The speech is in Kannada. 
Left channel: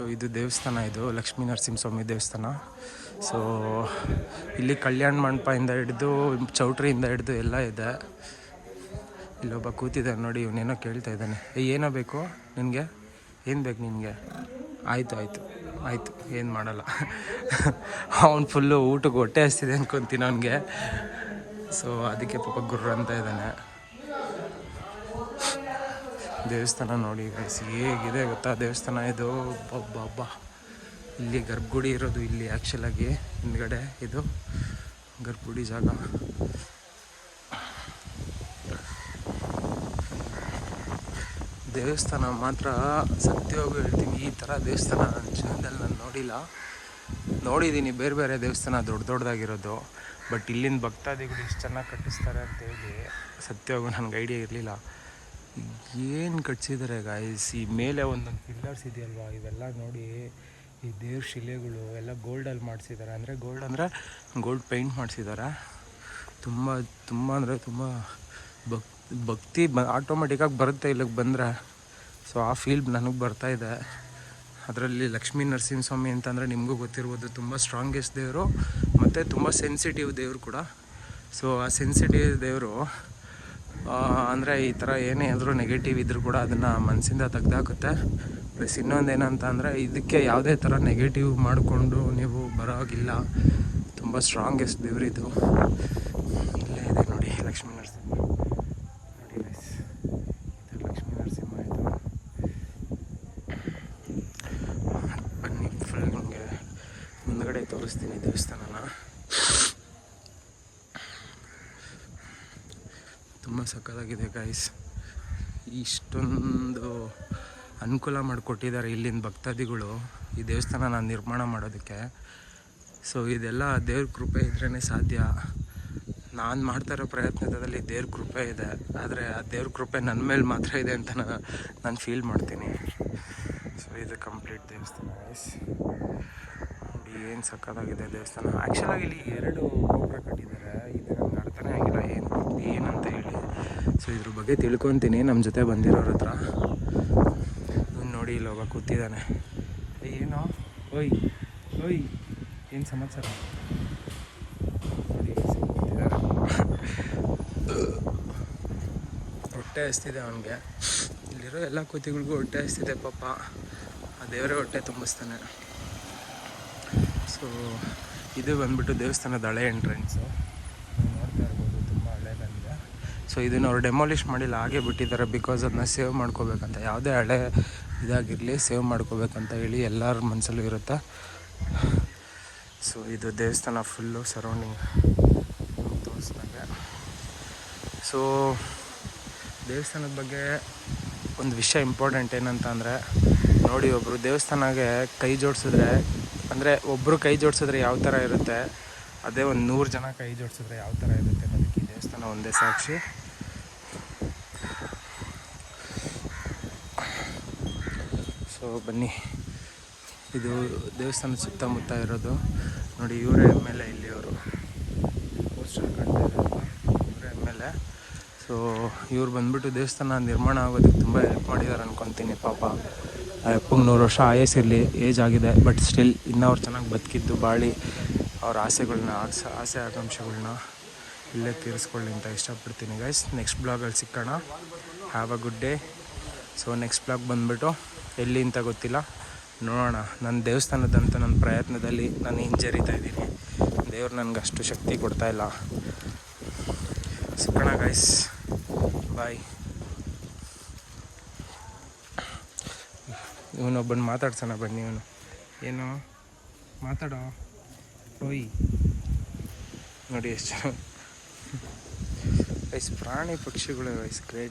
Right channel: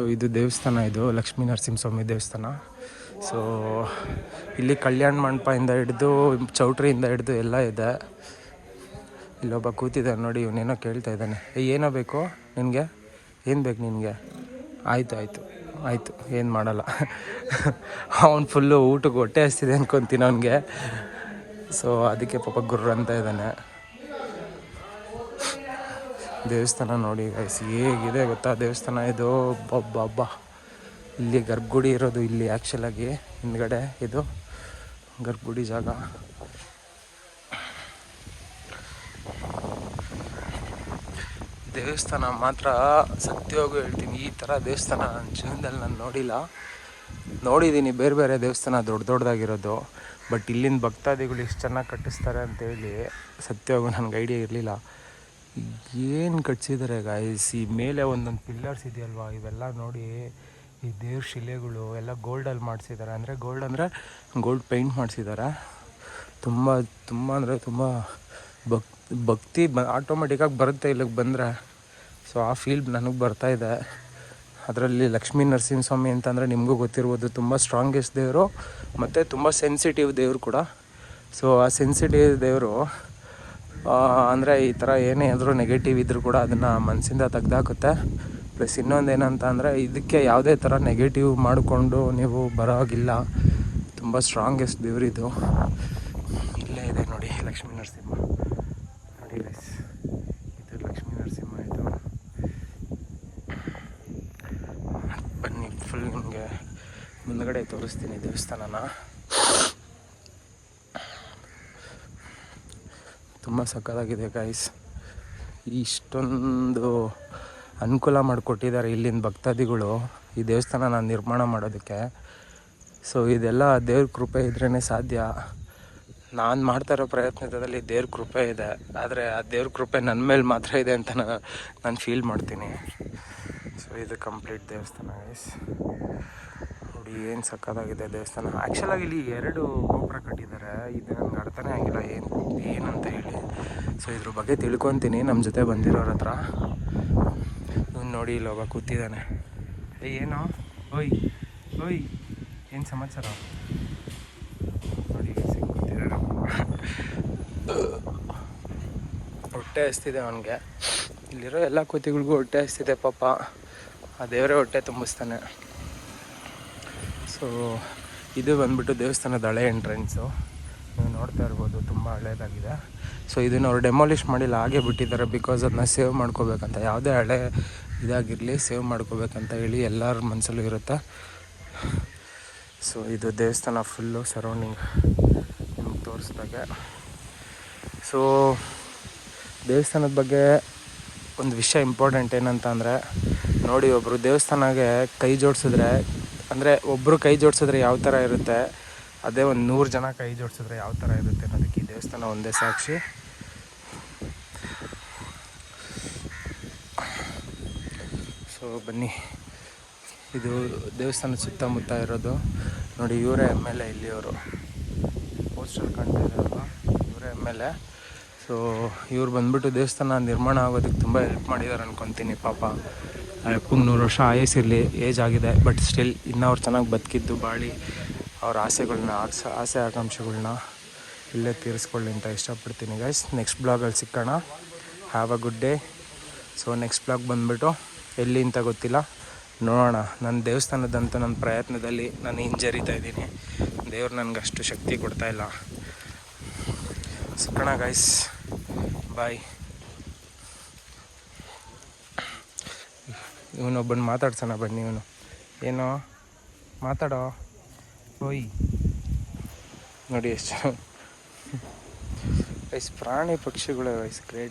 ಸೊ ಇದು ದೇವಸ್ಥಾನ, ಇದು ಲಕ್ಷ್ಮೀ ನರಸಿಂಹಸ್ವಾಮಿ ದೇವಸ್ಥಾನ. ಸೊ ಇಲ್ಲಿ ಕಲ್ಯಾಣ ಮಂಟಪದಿಂದ ಹಿಡಿದು ಚೌಟ್ರಿಯಿಂದ ಹಿಡಿದು ಎಲ್ಲ ಇದೆ. ಇಲ್ಲೊಬ್ಬ ಕೂತಿದ್ದಾನೆ ನೋಡಿ, ಇವನೇನೋ ಕೇಳ್ತಾ ಇದ್ದಾನೆ. ಏನೋ ಬೇಕು ನಿನಗೆ, ಏನು ಬೇಕು ನಿನಗೆ? ಆಯಿತು ಏನು ಮಾಡಲ್ಲ. ಅವ್ನು ಫುಲ್ಲು ಊಟಕ್ಕೆ ಹೊಟ್ಟೆ ಹಸ್ತಿದೆ ಅನ್ಕೊತೀನಿ ಅವನಿಗೆ. ಸೊ ಅದಕ್ಕೆ ಪಾಪ ಗುರ್ರ ಅಂತ ಇದ್ದಾನೆ. ದೇವಸ್ಥಾನ ನೋಡಿ ಗೈಸ್ ಹೇಗಿದೆ ಗೊತ್ತಾ ದೇವಸ್ಥಾನ ಇದು. ಬಬ್ಬ ಇಲ್ಲಿ ಗರ್ಭಗುಡಿ ಇರೋದು ಇಲ್ಲಿ ಆ್ಯಕ್ಚುಲಾಗಿ ಹಿಂದ್ಗಡೆ ಇದು ಗರ್ಭಗುಡಿ ಜಾಗ. ದೇವಸ್ಥಾನ ಮಾತ್ರ ಸತ್ಯವಾಗೂ ಹೇಳ್ತೀನಿ, ಈ ಥರ ದೇವಸ್ಥಾನ ನನ್ನ ಜೀವನದಲ್ಲಿ ನಾನು ನೋಡಿದ್ದೀನಿ. ಬೇರೆ ಬೇರೆ ದೇವಸ್ಥಾನ ದೊಡ್ಡದಾಗಿರೋದು, ಬಟ್ ಇಲ್ಲಿನ ಭಕ್ತಾದಿಗಳು ಎಷ್ಟು ಚೆನ್ನಾಗಿ ಕಟ್ಟಿಸ್ತಾರೆ ಅಂತೇಳಿ ಸತ್ಯವಾಗೂ ನನಗೆ ಐಡಿಯಾ ಇರಲಿಲ್ಲ. ಏನು ಕಟ್ಸಿದ್ದಾರೆ ಗಾಯ್ಸ್. ಈ ಮೇಲೆ ಒಂದೊಂದು ಪಿಲ್ಲರ್ಸ್ ಇದೆಯಲ್ವಾ, ಇವೆಲ್ಲ ನೋಡಿ. ಈ ದೇವ್ರ ಶಿಲೆಗಳು ಎಲ್ಲ ಗೋಲ್ಡಲ್ಲಿ ಮಾಡಿಸಿದ್ದಾರೆ. ಅಂದರೆ ಗೋಲ್ಡ್ ಪೇಂಟ್ ಮಾಡಿಸಿದ್ದಾರೆ. ತುಂಬ ಅಂದರೆ ತುಂಬ ಭಕ್ತಿ ಆಟೋಮೆಟಿಕ್ಕಾಗಿ ಬರುತ್ತೆ ಇಲ್ಲಿಗೆ ಬಂದರೆ. ಸೊ ಆ ಫೀಲ್ ನನಗೆ ಬರ್ತಾಯಿದೆ. ಅದರಲ್ಲಿ ಲಕ್ಷ್ಮೀ ನರಸಿಂಹಸ್ವಾಮಿ ಅಂತಂದರೆ ನಿಮಗೂ ಗೊತ್ತಿರ್ಬೋದು, ತುಂಬ ಸ್ಟ್ರಾಂಗೆಸ್ಟ್ ದೇವರು ಮತ್ತು ತುಂಬ ಸೆನ್ಸಿಟಿವ್ ದೇವರು ಕೂಡ. ಸೊ ಆ ಸೆನ್ಸಿಟಿವ್ ದೇವರು ಅಂದರೆ ಈ ಥರ ಏನೇ ಆದರೂ ನೆಗೆಟಿವ್ ಇದ್ದರೂ ಕೂಡ ಅದನ್ನು ಮನಸ್ಸಿಂದ ತೆಗ್ದಾಕುತ್ತೆ. ಪ್ಲಸ್ ಇನ್ನೊಂದು ಏನಂತ ಅಂದರೆ ಇದಕ್ಕೆ ಯಾವುದೇ ಥರ ನೆಗೆಟಿವ್ ಮಾಡಿಕೊಂಡು ನೀವು ಬರೋಗಿಲ್ಲ. ತುಂಬ ಸ್ಟ್ರಾಂಗೆಸ್ಟ್ ದೇವರಿದು. ಇಲ್ಲೇ ಇದೆ ನೋಡಿ ಲಕ್ಷ್ಮೀ ನರಸಿಂಹ ನೋಡಿ ಗೈಸ್, ಇದು ಲಕ್ಷ್ಮೀ ನರಸಿಂಹ ಇದು. ಬನ್ನಿ ಫುಲ್ ನಿಮಗೆ ಮುಂದ್ಗಡೆ ತೋರಿಸ್ತೀನಿ ದೇವಸ್ಥಾನನ. ತುಂಬ ಸಕ್ಕತ್ತಾಗಿದೆ ಗೈಸ್. ಇಷ್ಟೊಂದು ಅನುಕೂಲ ಮಾಡಿಕೊಟ್ಟಿದ್ದಾರೆ ಇಲ್ಲಿನ ಭಕ್ತಾದಿಗಳು ಈ ದೇವಸ್ಥಾನನ ನಿರ್ಮಾಣ ಮಾಡೋದಕ್ಕೆ. ಸೊ ಇದೆಲ್ಲ ದೇವ್ರ ಕೃಪೆ ಇದ್ರೇ ಸಾಧ್ಯ. ನಾನು ಮಾಡ್ತಾ ಇರೋ ಪ್ರಯತ್ನದಲ್ಲಿ ದೇವ್ರ ಕೃಪೆ ಇದೆ, ಆದರೆ ಆ ದೇವ್ರ ಕೃಪೆ ನನ್ನ ಮೇಲೆ ಮಾತ್ರ ಇದೆ ಅಂತ ನಾನು ಫೀಲ್ ಮಾಡ್ತೀನಿ. ಸೊ ಇದು ಕಂಪ್ಲೀಟ್ ದೇವಸ್ಥಾನ ಗೈಸ್. ನೋಡಿ ಏನು ಸಕ್ಕತ್ತಾಗಿದೆ ದೇವಸ್ಥಾನ. ಆ್ಯಕ್ಚುಲಾಗಿ ಇಲ್ಲಿ 2 ಗೋಪುರ ಕಟ್ಟಿದ್ದಾರೆ. ಇದು ನನಗೆ ಅರ್ಥನೇ ಆಗಿಲ್ಲ ಏನಂತ ಹೇಳಿ. ಸೊ ಇದ್ರ ಬಗ್ಗೆ ತಿಳ್ಕೊತೀನಿ ನಮ್ಮ ಜೊತೆ ಬಂದಿರೋರ ಹತ್ರ. ನೋಡಿ ಇಲ್ಲೊಬ್ಬ ಕೂತಿದ್ದಾನೆ. ಏನೋ ಓಯ್ ಏನು ಸಮಾಚಾರ ನೋಡಿ ಕೂತಿದ್ದಾನೆ. ಹೊಟ್ಟೆ ಹಸ್ತಿದೆ ಅವನಿಗೆ. ಇಲ್ಲಿರೋ ಎಲ್ಲ ಕೂತಿಗಳಿಗೂ ಹೊಟ್ಟೆ ಹಸ್ತಿದೆ ಪಾಪ. ಆ ದೇವರೇ ಹೊಟ್ಟೆ ತುಂಬಿಸ್ತಾನೆ. ಸೊ ಇದು ಬಂದ್ಬಿಟ್ಟು ದೇವಸ್ಥಾನದ ಹಳೆ ಎಂಟ್ರೆನ್ಸು. ನೀವು ನೋಡ್ತಾ ಇರ್ಬೋದು, ತುಂಬ ಹಳೇದಾಗಿದೆ. ಸೊ ಇದನ್ನು ಅವ್ರು ಡೆಮಾಲಿಷ್ ಮಾಡಿಲ್ಲ, ಹಾಗೆ ಬಿಟ್ಟಿದ್ದಾರೆ. ಬಿಕಾಸ್ ಅದನ್ನ ಸೇವ್ ಮಾಡ್ಕೋಬೇಕಂತ, ಯಾವುದೇ ಹಳೆ ಇದಾಗಿರಲಿ ಸೇವ್ ಮಾಡ್ಕೋಬೇಕಂತ ಹೇಳಿ ಎಲ್ಲರ ಮನಸ್ಸಲ್ಲೂ ಇರುತ್ತೆ. ಸೊ ಇದು ದೇವಸ್ಥಾನ ಫುಲ್ಲು ಸರೌಂಡಿಂಗ್ ನಿಮ್ಗೆ ತೋರಿಸ್ದಾಗೆ. ಸೊ ದೇವಸ್ಥಾನದ ಬಗ್ಗೆ ಒಂದು ವಿಷಯ ಇಂಪಾರ್ಟೆಂಟ್ ಏನಂತ ಅಂದರೆ ನೋಡಿ, ಒಬ್ಬರು ದೇವಸ್ಥಾನಕ್ಕೆ ಕೈ ಜೋಡಿಸಿದ್ರೆ, ಅಂದರೆ ಒಬ್ಬರು ಕೈ ಜೋಡಿಸಿದ್ರೆ ಯಾವ ಥರ ಇರುತ್ತೆ, ಅದೇ ಒಂದು 100 ಜನ ಕೈ ಜೋಡಿಸಿದ್ರೆ ಯಾವ ಥರ ಇರುತ್ತೆ ಅನ್ನೋದಕ್ಕೆ ಈ ದೇವಸ್ಥಾನ ಒಂದೇ ಸಾಕ್ಷಿ. ಸೊ ಬನ್ನಿ, ಇದು ದೇವಸ್ಥಾನದ ಸುತ್ತಮುತ್ತ ಇರೋದು ನೋಡಿ. ಇವರೇ MLA ಇಲ್ಲಿಯವರು, ಪೋಸ್ಟರ್ ಕಾಣ್ತಾ ಇರೋದು ಇವರೇ MLA. ಸೊ ಇವ್ರು ಬಂದ್ಬಿಟ್ಟು ದೇವಸ್ಥಾನ ನಿರ್ಮಾಣ ಆಗೋದಕ್ಕೆ ತುಂಬ ಹೆಲ್ಪ್ ಮಾಡಿದ್ದಾರೆ ಅನ್ಕೊತೀನಿ. ಪಾಪ ಅಪ್ಪಂಗೆ 100 ವರ್ಷ ಆಯಸ್ಸಿರಲಿ, ಏಜ್ ಆಗಿದೆ, ಬಟ್ ಸ್ಟಿಲ್ ಇನ್ನೂ ಅವ್ರು ಚೆನ್ನಾಗಿ ಬದುಕಿದ್ದು ಬಾಳಿ ಅವ್ರ ಆಸೆ ಆಕಾಂಕ್ಷೆಗಳ್ನ ಇಲ್ಲೇ ತೀರಿಸ್ಕೊಳ್ಳಿ ಅಂತ ಇಷ್ಟಪಡ್ತೀನಿ ಗೈಸ್. ನೆಕ್ಸ್ಟ್ ಬ್ಲಾಗಲ್ಲಿ ಸಿಕ್ಕೋಣ. Have a good day. So next blog ಬಂದುಬಿಟ್ಟು ಎಲ್ಲಿ ಅಂತ ಗೊತ್ತಿಲ್ಲ, ನೋಡೋಣ. ನನ್ನ ದೇವಸ್ಥಾನದಂತೂ ನನ್ನ ಪ್ರಯತ್ನದಲ್ಲಿ ನಾನು ಹಿಂಜರಿತಾ ಇದ್ದೀನಿ. ದೇವ್ರು ನನಗೆ ಅಷ್ಟು ಶಕ್ತಿ ಕೊಡ್ತಾಯಿಲ್ಲ. ಸಿಕ್ಕೋಣ ಗೈಸ್, ಬಾಯ್. ಇವನೊಬ್ಬನ ಮಾತಾಡ್ಸೋಣ ಬನ್ನಿ. ಇವನು ಏನೋ ಮಾತಾಡೋ. ಓಯ್ ನೋಡಿ ಎಷ್ಟು ಗೈಸ್ ಪ್ರಾಣಿ ಪಕ್ಷಿಗಳು ಗೈಸ್ ಗ್ರೇಟ್.